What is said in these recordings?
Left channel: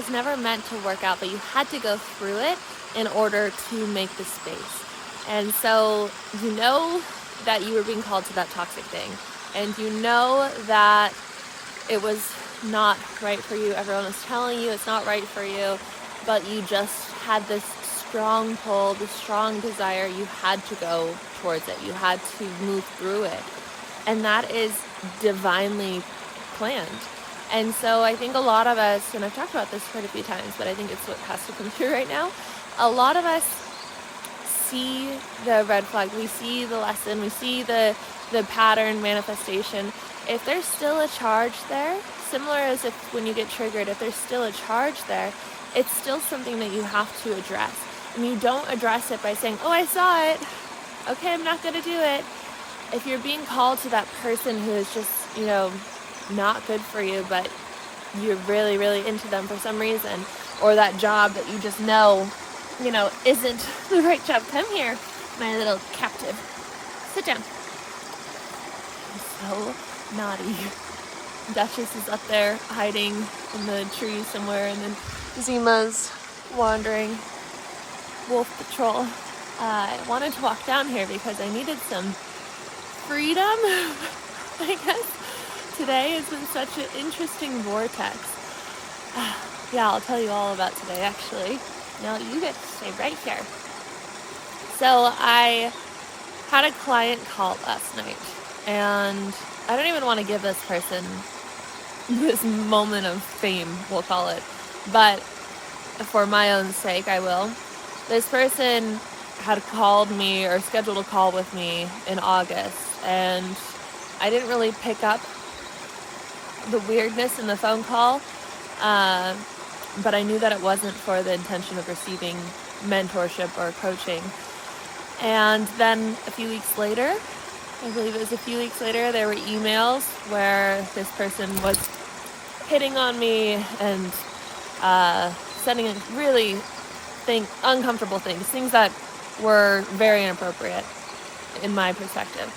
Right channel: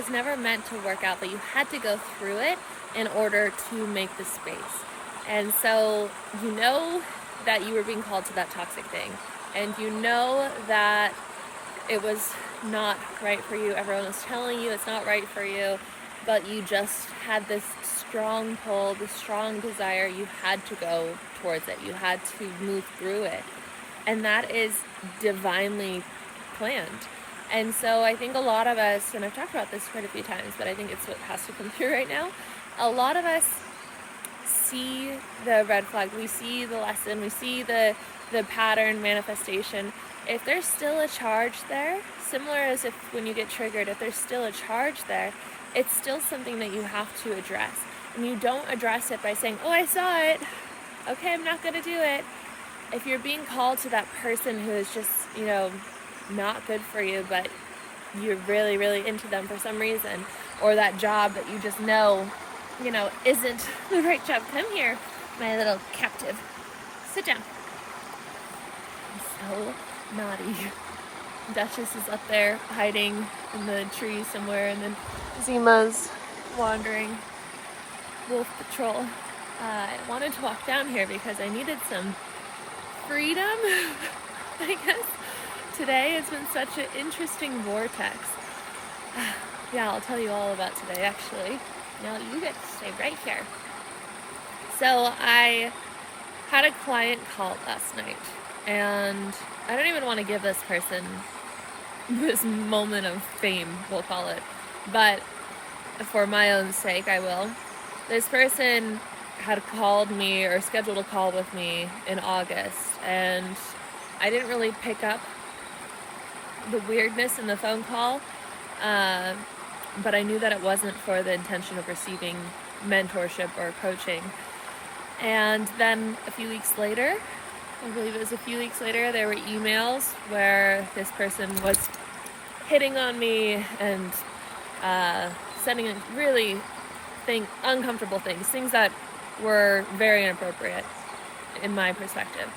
was never meant to work out, but you had to go through it in order to make the space. And so you know that you were being called to that toxic thing, and you know that it was not right for you. Everyone was telling you it's not right for you, but you just had this strong pull, this strong desire. You had to go towards it. You had to move through it. And that is divinely planned. And so I think a lot of us, and I've talked about this quite a few times, but I think it's what has to come through right now. A lot of us see the red flag, we see the lesson, we see the pattern manifestation. If there's still a charge there, similar as if when you get triggered, if there's still a charge there, it's still something that you have to address. And you don't address it by saying, oh, I saw it, okay, I'm not going to do it. If you're being called to that person who is just, not good for you, but you're really, really into them for some reason, or that job that you just know, isn't the right job. Come here, my little captive. Sit down. I'm so naughty. Duchess is up there hiding in the tree somewhere, and then Zima's wandering. Wolf patrol. I wanted to walk down here because I needed some freedom, I guess. Today has been such an interesting vortex. Yeah, I'll tell you all about today, actually. No, you get to stay right here. So I had a client call last night, and I don't even want to give this person this moment of fame, we'll call it, but for my own sake, I will. This person had called me or scheduled a call with me in August, and I didn't really pick up the weirdness in the phone call, but I knew that it wasn't for the intention of receiving mentorship or coaching. And then a few weeks later, I believe it was a few weeks later, there were emails where this person was hitting on me and sending really uncomfortable things that were very inappropriate in my perspective.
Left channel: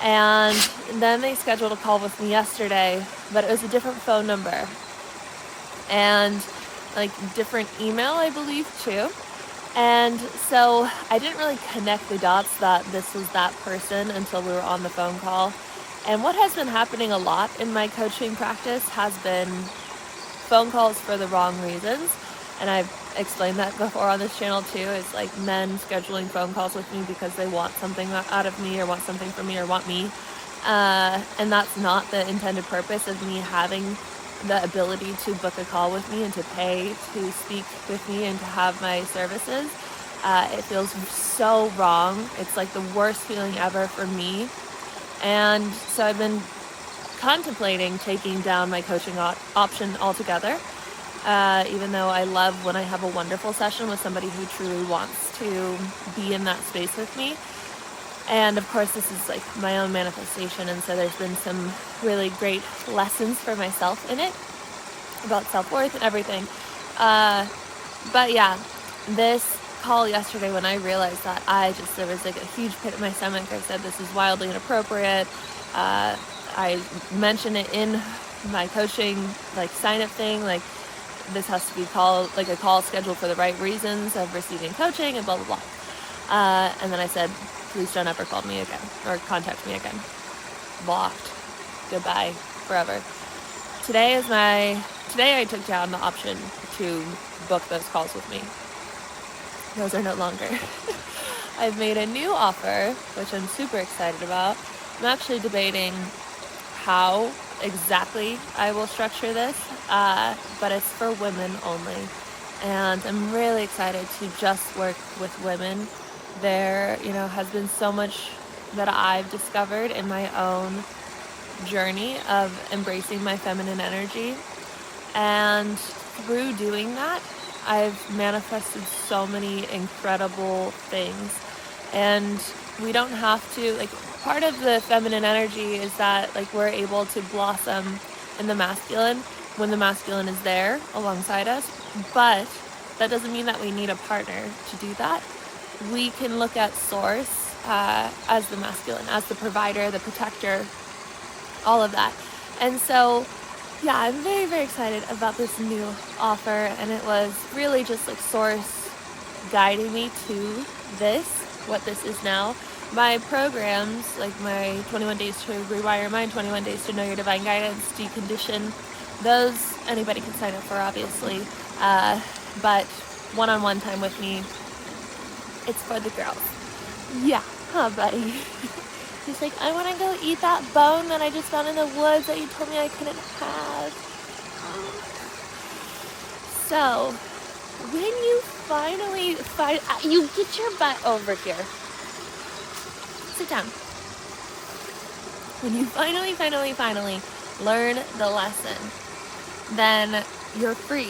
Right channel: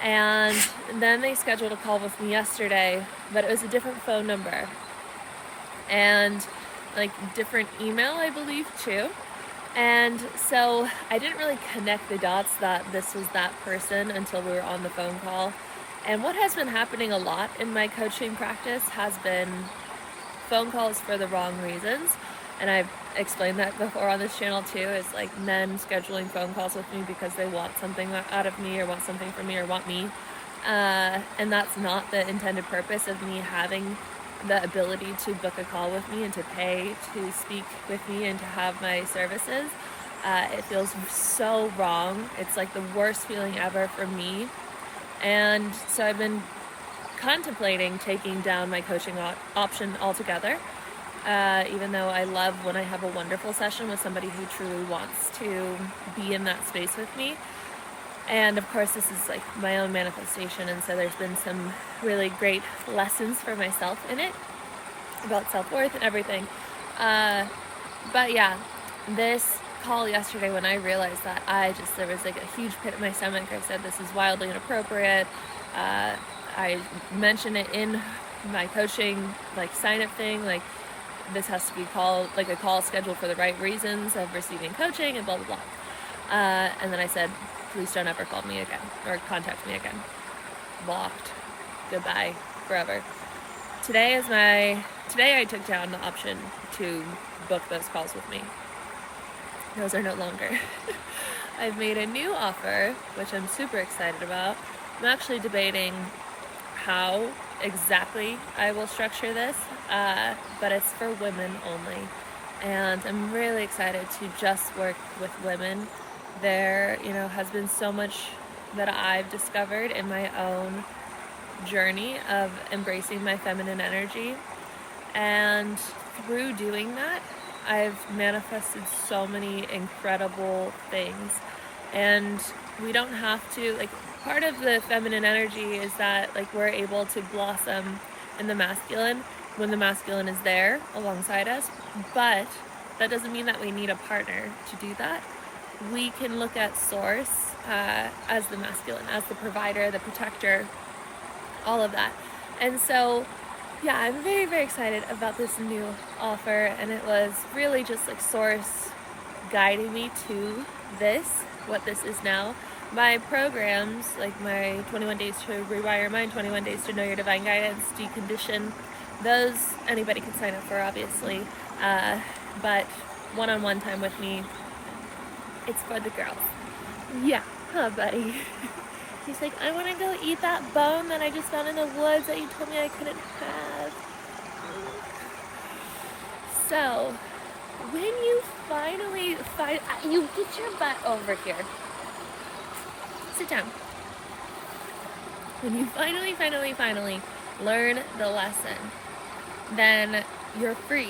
And then they scheduled a call with me yesterday, but it was a different phone number and different email, I believe, too. And so I didn't really connect the dots that this was that person until we were on the phone call. And what has been happening a lot in my coaching practice has been phone calls for the wrong reasons. And I've explained that before on this channel too. It's like men scheduling phone calls with me because they want something out of me or want something from me or want me. And that's not the intended purpose of me having the ability to book a call with me and to pay to speak with me and to have my services. It feels so wrong. It's like the worst feeling ever for me. And so I've been contemplating taking down my coaching option altogether. Even though I love when I have a wonderful session with somebody who truly wants to be in that space with me. And of course, this is like my own manifestation, and so there's been some really great lessons for myself in it about self-worth and everything. But yeah, this call yesterday, when I realized that there was like a huge pit in my stomach. I said, this is wildly inappropriate. I mentioned it in my coaching sign-up thing, this has to be called a call scheduled for the right reasons of receiving coaching and blah blah blah. And then I said, please don't ever call me again or contact me again. Blocked. Goodbye forever. Today I took down the option to book those calls with me. Those are no longer. I've made a new offer, which I'm super excited about. I'm actually debating how exactly I will structure this, but it's for women only. And I'm really excited to just work with women. There, has been so much that I've discovered in my own journey of embracing my feminine energy. And through doing that, I've manifested so many incredible things. And we don't have to, part of the feminine energy is that, we're able to blossom in the masculine when the masculine is there alongside us. But that doesn't mean that we need a partner to do that. We can look at source as the masculine, as the provider, the protector, all of that. And so yeah, I'm very, very excited about this new offer, and it was really just like Source guiding me to this, what this is now. My programs, like my 21 days to rewire your mind, 21 days to know your divine guidance, decondition, those anybody can sign up for, obviously. But one-on-one time with me, it's for the girls. Yeah, huh, buddy? He's like, I want to go eat that bone that I just found in the woods that you told me I couldn't have. So, when you finally find, you get your butt over here. Sit down. When you finally learn the lesson, then you're free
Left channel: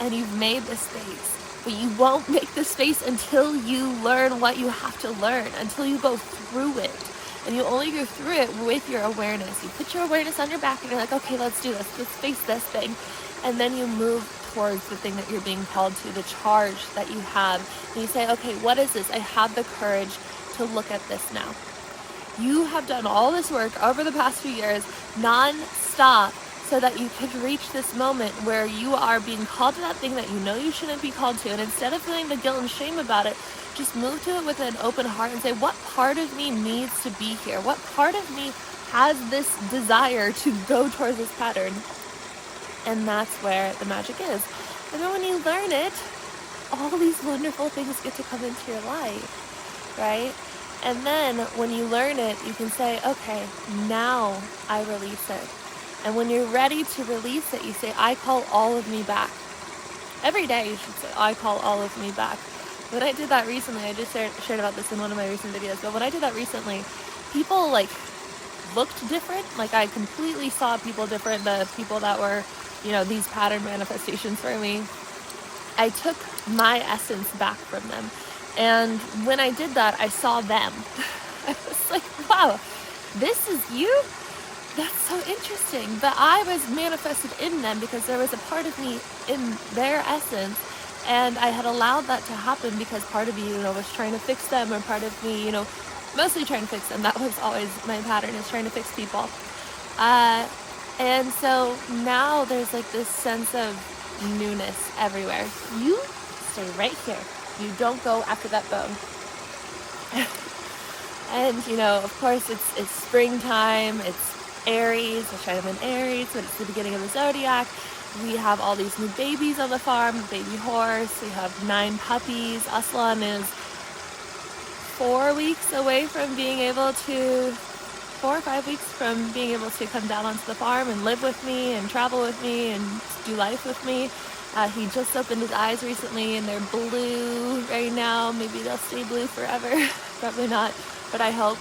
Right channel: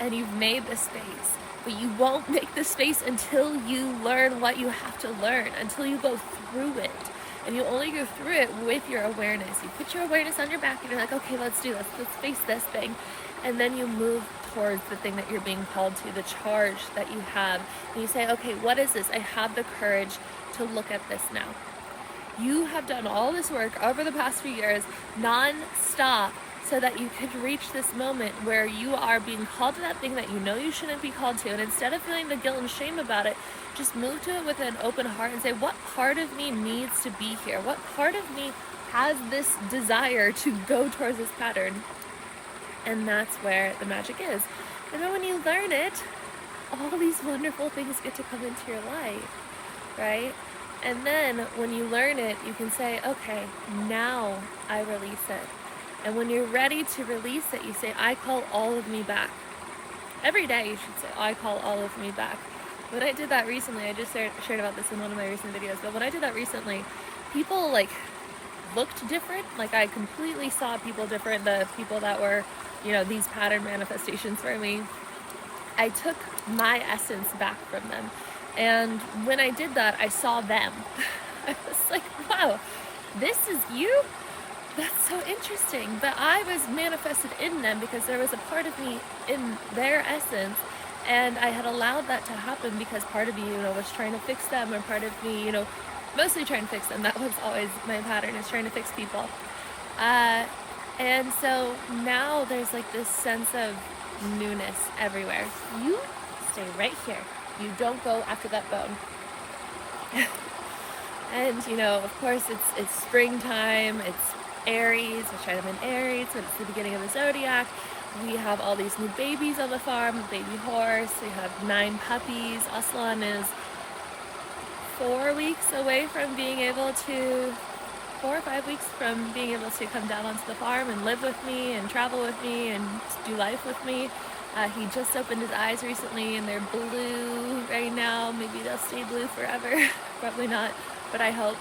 and you've made the space. But you won't make the space until you learn what you have to learn, until you go through it. And you only go through it with your awareness. You put your awareness on your back and you're like, okay, let's do this. Let's face this thing. And then you move towards the thing that you're being called to, the charge that you have. And you say, okay, what is this? I have the courage to look at this now. You have done all this work over the past few years, non-stop, so that you can reach this moment where you are being called to that thing that you know you shouldn't be called to. And instead of feeling the guilt and shame about it, just move to it with an open heart and say, what part of me needs to be here? What part of me has this desire to go towards this pattern? And that's where the magic is. And then when you learn it, all these wonderful things get to come into your life, right? And then when you learn it, you can say, okay, now I release it. And when you're ready to release it, you say, I call all of me back. Every day you should say, I call all of me back. When I did that recently, I just shared about this in one of my recent videos, but when I did that recently, people like looked different. Like I completely saw people different, the people that were, you know, these pattern manifestations for me. I took my essence back from them. And when I did that, I saw them. I was like, wow, this is you? That's so interesting. But I was manifested in them because there was a part of me in their essence. And I had allowed that to happen because part of me, you know, was trying to fix them, and part of me, you know, mostly trying to fix them. That was always my pattern, is trying to fix people. And so now there's like this sense of newness everywhere. You stay right here. You don't go after that bone. And, you know, of course, it's springtime. It's Aries, which I'm in Aries, so it's the beginning of the zodiac. We have all these new babies on the farm, a baby horse. We have 9 puppies. Aslan is 4 weeks away from being able to, 4 or 5 weeks from being able to come down onto the farm and live with me and travel with me and do life with me. He just opened his eyes recently and they're blue right now. Maybe they'll stay blue forever. Probably not, but I hope.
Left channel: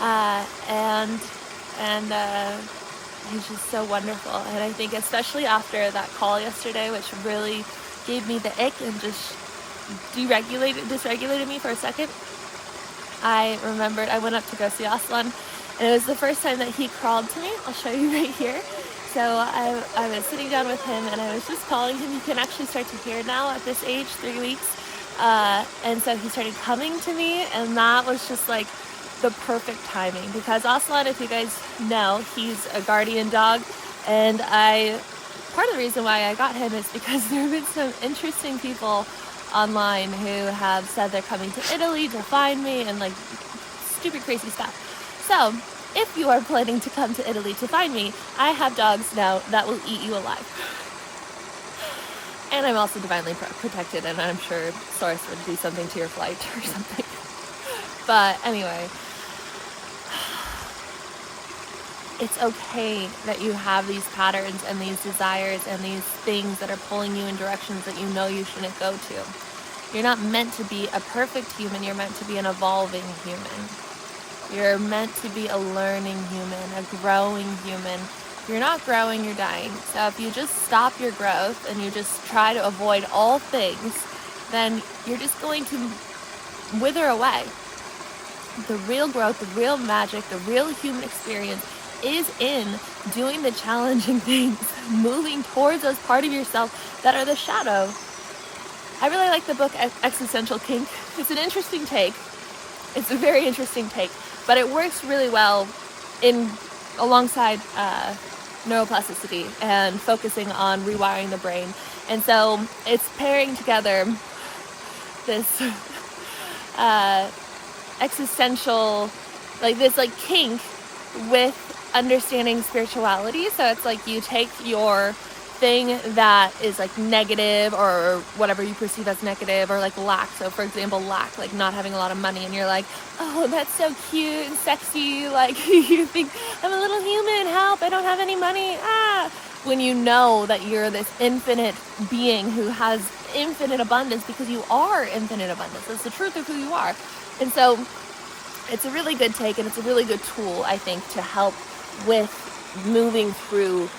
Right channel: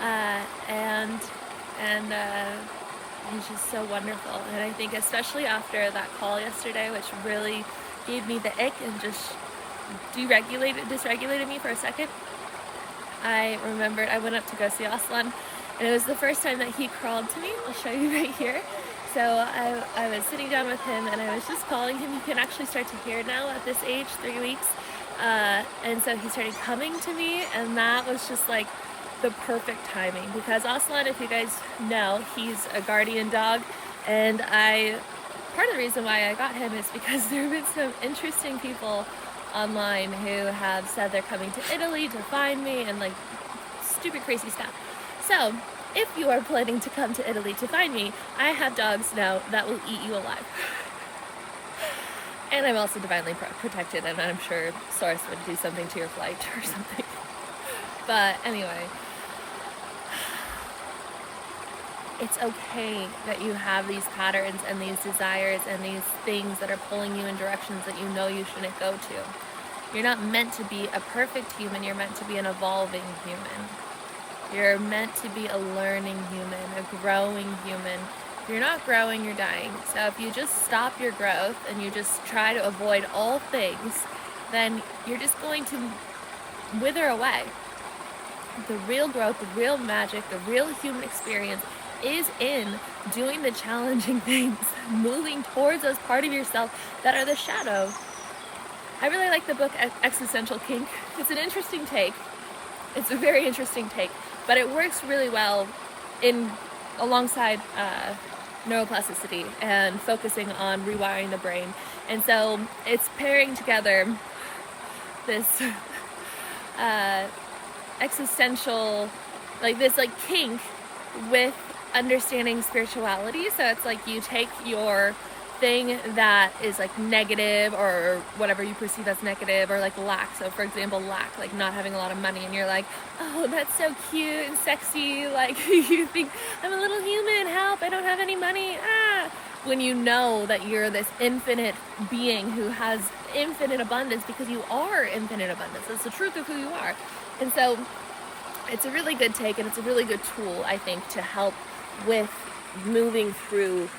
And he's just so wonderful. And I think especially after that call yesterday, which really gave me the ick and just dysregulated me for a second, I remembered I went up to go see Aslan, and it was the first time that he crawled to me. I'll show you right here. So I was sitting down with him and I was just calling him. You can actually start to hear now at this age, 3 weeks. And so he started coming to me, and that was just like the perfect timing, because Aslan, if you guys know, he's a guardian dog, and part of the reason why I got him is because there have been some interesting people online who have said they're coming to Italy to find me and like stupid crazy stuff. So if you are planning to come to Italy to find me, I have dogs now that will eat you alive. And I'm also divinely protected, and I'm sure Source would do something to your flight or something. But anyway, it's okay that you have these patterns and these desires and these things that are pulling you in directions that you know you shouldn't go to. You're not meant to be a perfect human, you're meant to be an evolving human. You're meant to be a learning human, a growing human. If you're not growing, you're dying. So if you just stop your growth and you just try to avoid all things, then you're just going to wither away. The real growth, the real magic, the real human experience is in doing the challenging things, moving towards those parts of yourself that are the shadow. I really like the book Existential Kink. It's an interesting take. It's a very interesting take, but it works really well alongside neuroplasticity and focusing on rewiring the brain. And so it's pairing together this existential, like this like kink with understanding spirituality. So it's like you take your thing that is like negative or whatever you perceive as negative, or like lack. So for example, lack, like not having a lot of money, and you're like, oh, that's so cute and sexy, like you think I'm a little human, help, I don't have any money, when you know that you're this infinite being who has infinite abundance, because you are infinite abundance. That's the truth of who you are. And so it's a really good take, and it's a really good tool, I think, to help with moving through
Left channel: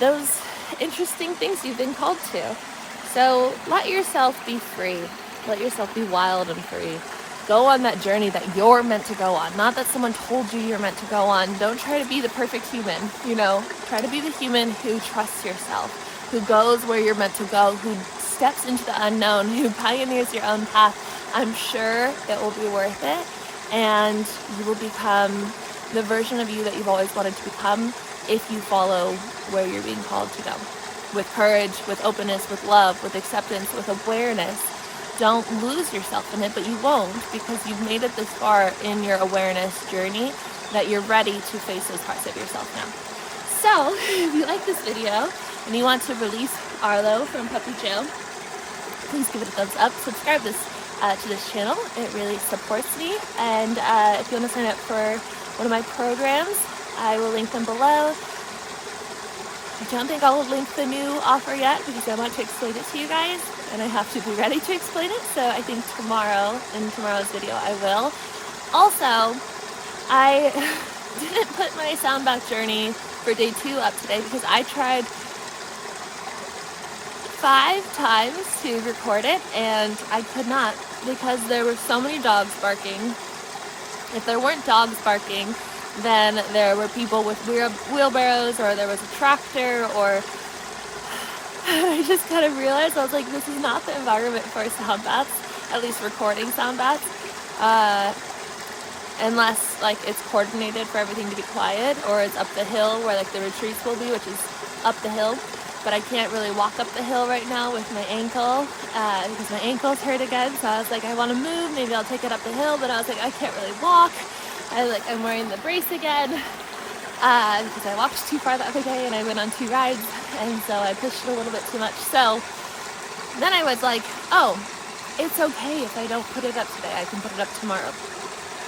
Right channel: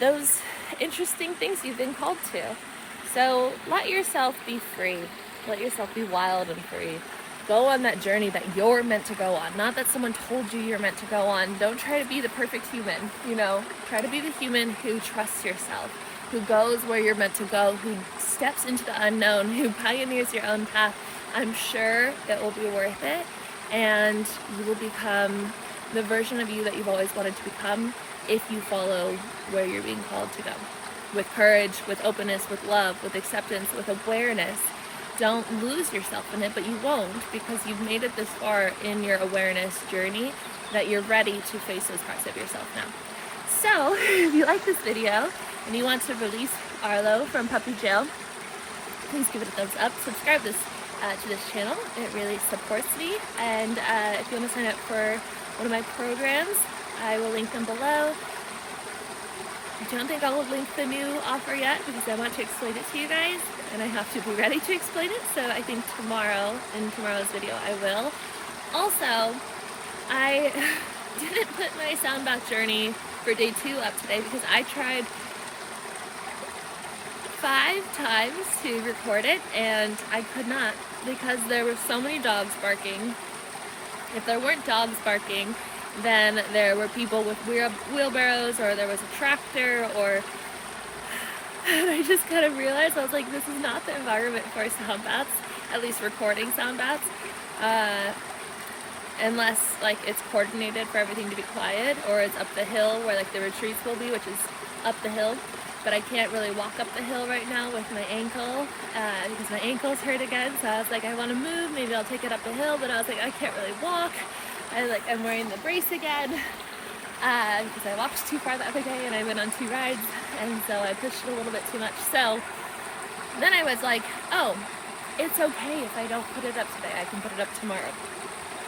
those interesting things you've been called to. So let yourself be free. Let yourself be wild and free. Go on that journey that you're meant to go on. Not that someone told you you're meant to go on. Don't try to be the perfect human, you know. Try to be the human who trusts yourself, who goes where you're meant to go, who steps into the unknown, who pioneers your own path. I'm sure it will be worth it, and you will become the version of you that you've always wanted to become if you follow where you're being called to go. With courage, with openness, with love, with acceptance, with awareness. Don't lose yourself in it, but you won't, because you've made it this far in your awareness journey that you're ready to face those parts of yourself now. So, if you like this video and you want to release Arlo from puppy jail, please give it a thumbs up. Subscribe to this channel. It really supports me. And if you want to sign up for one of my programs, I will link them below. I don't think I'll link the new offer yet, because I want to explain it to you guys, and I have to be ready to explain it. So I think tomorrow, in tomorrow's video, I will. Also, I didn't put my sound bath journey for day 2 up today, because I tried 5 times to record it, and I could not, because there were so many dogs barking. If there weren't dogs barking, then there were people with wheelbarrows, or there was a tractor, or I just kind of realized, I was like, this is not the environment for sound baths, at least recording sound baths, unless like it's coordinated for everything to be quiet, or it's up the hill where like the retreats will be, which is up the hill. But I can't really walk up the hill right now with my ankle, because my ankle's hurt again. So I was like, I want to move, maybe I'll take it up the hill, but I was like, I can't really walk. I'm wearing the brace again, because I walked too far the other day and I went on 2 rides, and so I pushed it a little bit too much. So then I was like, oh, it's okay if I don't put it up today, I can put it up tomorrow.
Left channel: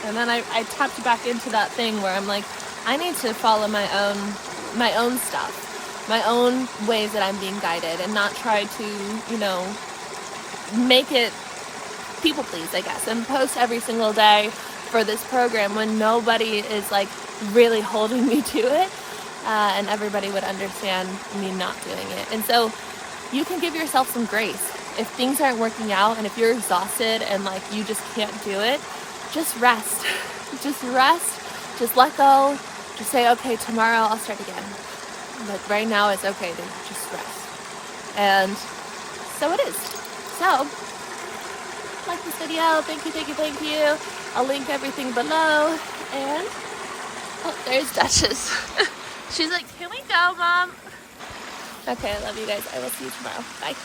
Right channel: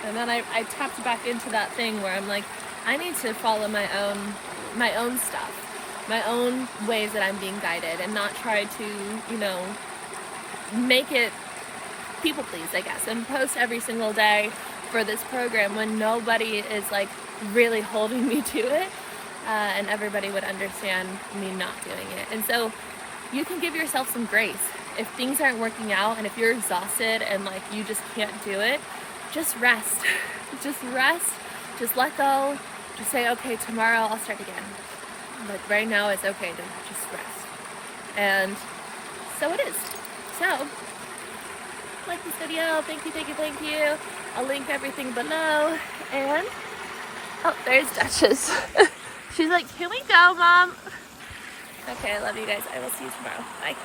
And then I tapped back into that thing where I'm like, I need to follow my own stuff, my own ways that I'm being guided, and not try to, you know, make it people please, I guess, and post every single day for this program when nobody is like really holding me to it, and everybody would understand me not doing it. And so you can give yourself some grace. If things aren't working out, and if you're exhausted and like you just can't do it, just rest. Just rest, just let go, just say, okay, tomorrow I'll start again. Like right now it's okay to just rest. And so it is. So, like this video, thank you. I'll link everything below, and, oh, there's Duchess. She's like, can we go, Mom? Okay, I love you guys. I will see you tomorrow. Bye.